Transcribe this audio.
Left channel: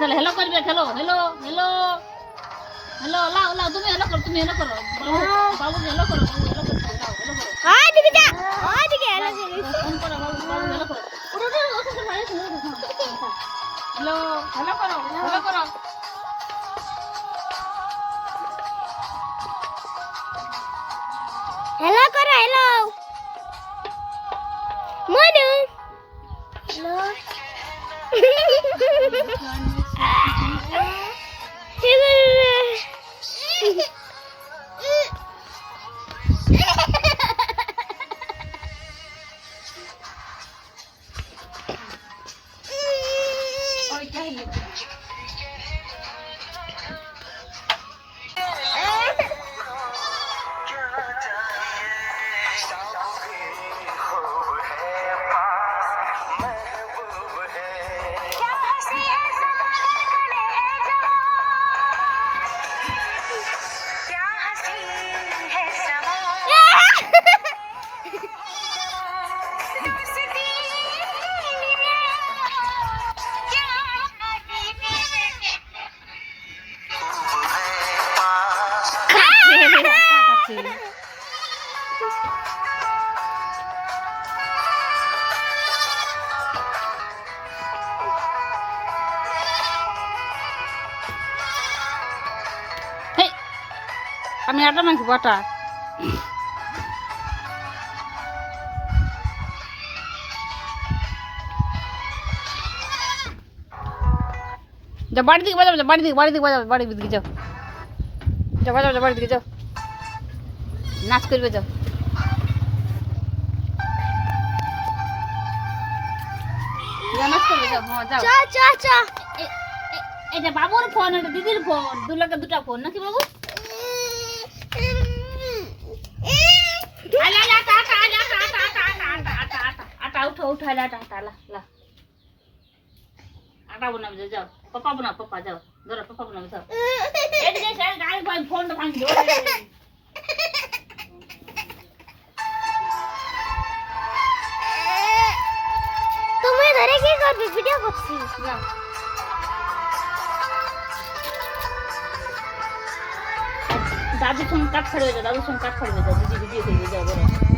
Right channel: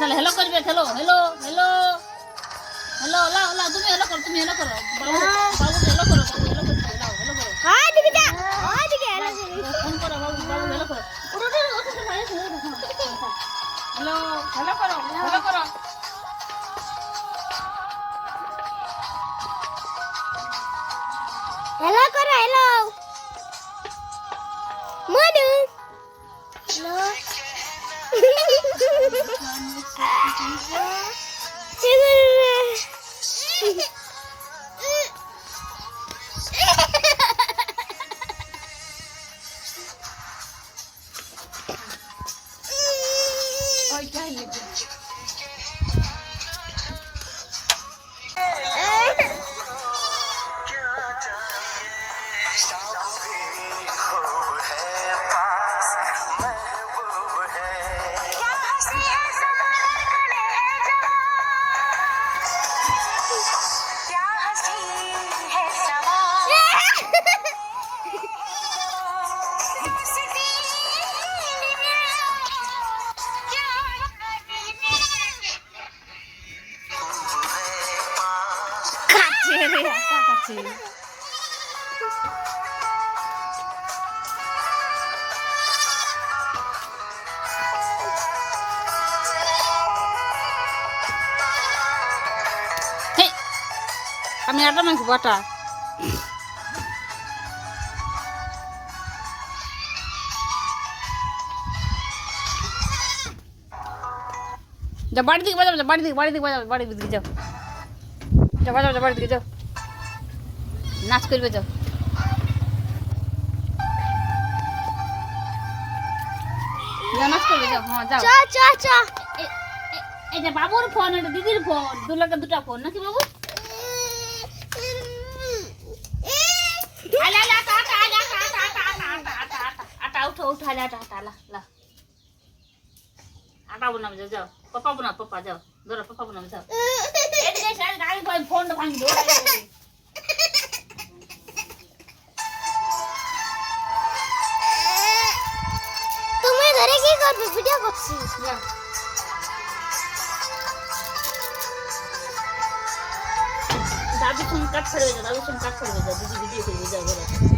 তাহলে হ্যালো করবে, hello hello hello hello, লাও লাও, তুমি হ্যালো করো, তুমি হ্যালো করো, বাবু হ্যালো করো, বাবু হ্যালো করো, লাও হ্যালো করো। হ্যাঁ দিকে যা, ওই দিকে হ্যালো করি। ফোন করো, বাবু বাবু হ্যালো করো। উঠো উঠো উঠো উঠো, ভাই হ্যালো হ্যালো করো, হ্যালো করো। হ্যালো করো, হ্যালো মনু। হ্যালো ওই কাহিনী কাছে আমি আটা মাখবো, আটা যা বাড়ি দিকে বাজাও, বাড়ি দিকে বাড়ি দিকে বাজাও, বাড়ির দিকে যাও, যাও বাজাও, যাও বাড়ির দিকে যাও, নাচ করবে যাও। নাচ করবে যাও, হ্যাঁ যাও। চা চা চা। এটা বাবুর ফোন, এটা দিদির ফোন, দুলাকে দুটা ফোন নাকি বাবু? আলা আলা আটা আটা আলা আটা আটা আটা আটা আটা আটা আটা উঠো উঠো, আলা আটা আটা, আলা আলা আটা বানাবে যাও, যাও পাপা বানা, পাপা যাও, ধরো পাপা বানাবে যাও। এদিকে এসে গাড়ি ফোনটা ভাঙি দাও। তুমি ধরে কি করবে? ভিডিও করছি। দাদু ফোন কাট করে যাও, দাদু ফোন কাট করে যাও, দিদি ভিডিও করবে যাও, ধরো।